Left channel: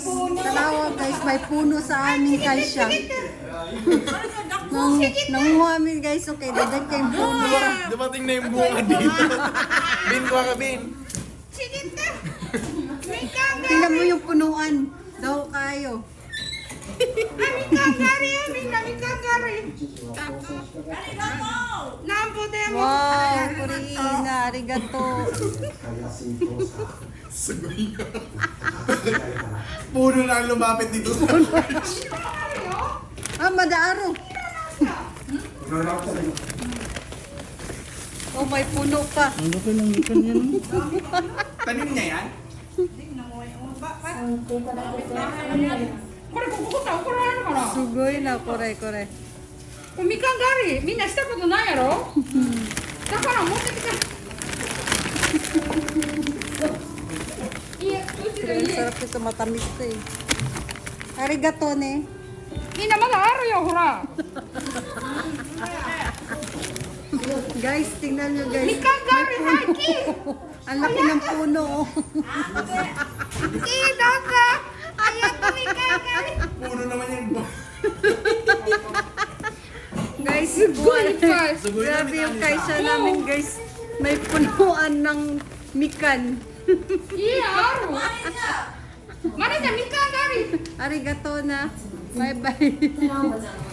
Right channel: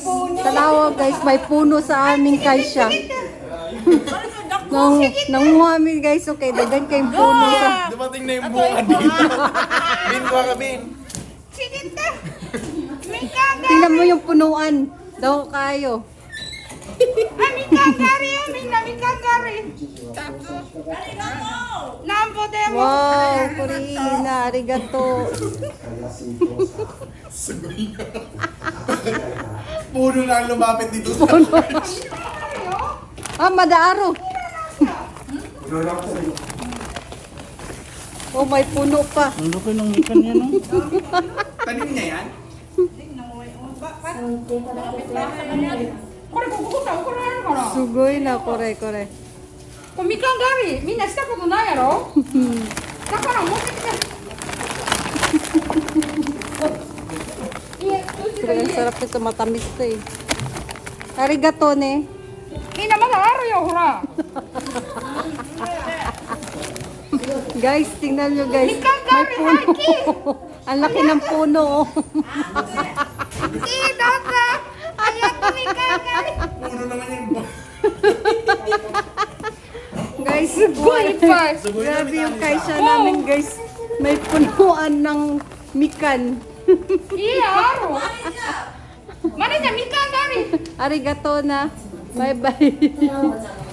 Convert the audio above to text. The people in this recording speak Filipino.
puno. Tanawa guys, may puno sa aming kaisya. Nanguha kami guys, okay, dagan kayong puno. Dumating na yung bunga dito. Bin, kuha ka, Bin. Sige ta. May kagari. Tingnan mo yung punuan. Daw kayo. May kagari. May kagari. Nampo demo. Wow, Kurina, arigato. Sagoy nga. Puno na ang lumapit dito. Ah, madaaro. Oh, may puno pa. Ang laki ng ikan niya, no? Tanim niya yan? Sugoy na, kore. これみかん狩りみんなしたことないやろだから持ってきた家うちの Pero 家 sarap ito, matamis to eh. Arigato ne. みんなまだあるよほら Guys, tingnan nyo guys. Mi kagari, May puno. Haki! Ang laki ng puno. Oh. Doka ayaw mi kagari Puno naman yung Guys, Sugoy pa grabe yung kaisya namin guys. May punuan ng mikan. 家あるマネージャーみかん狩り Arigato na. Bye bye.